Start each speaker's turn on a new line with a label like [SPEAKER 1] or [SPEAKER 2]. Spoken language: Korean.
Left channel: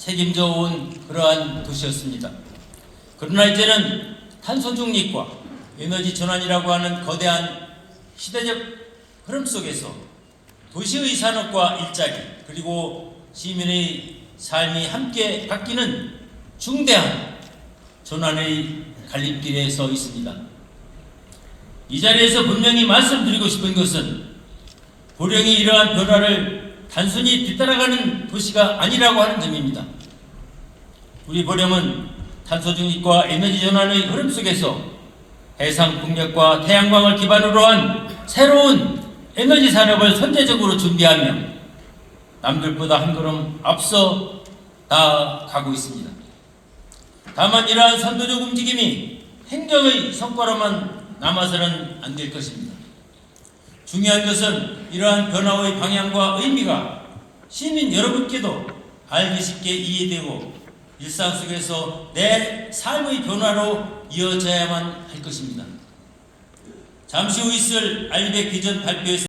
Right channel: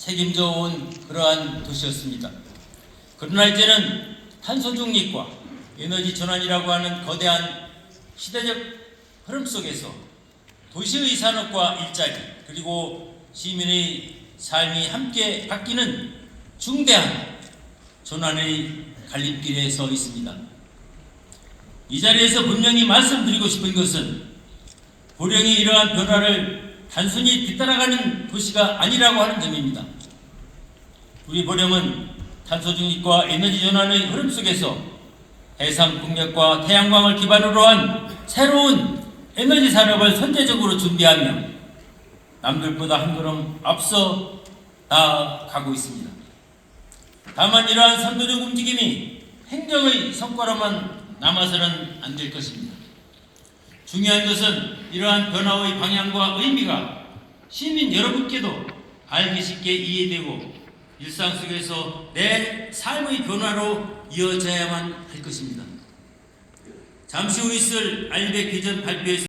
[SPEAKER 1] 책임져 온 그러한 도시였습니다. 그러나 이제는 탄소 중립과 에너지 전환이라고 하는 거대한 시대적 흐름 속에서 도시의 산업과 일자리 그리고 시민의 삶이 함께 바뀌는 중대한 전환의 갈림길에 서 있습니다. 이 자리에서 분명히 말씀드리고 싶은 것은 보령이 이러한 변화를 단순히 뒤따라가는 도시가 아니라고 하는 점입니다. 우리 보령은 탄소 중립과 에너지 전환의 흐름 속에서 해상 풍력과 태양광을 기반으로 한 새로운 에너지 산업을 선제적으로 준비하며 남들보다 한 걸음 앞서 나아가고 있습니다. 다만 이러한 선도적 움직임이 행정의 성과로만 남아서는 안 될 것입니다. 중요한 것은 이러한 변화의 방향과 의미가 시민 여러분께도 알기 쉽게 이해되고 일상 속에서 내 삶의 변화로 이어져야만 할 것입니다. 잠시 후 있을 알백 비전 발표에서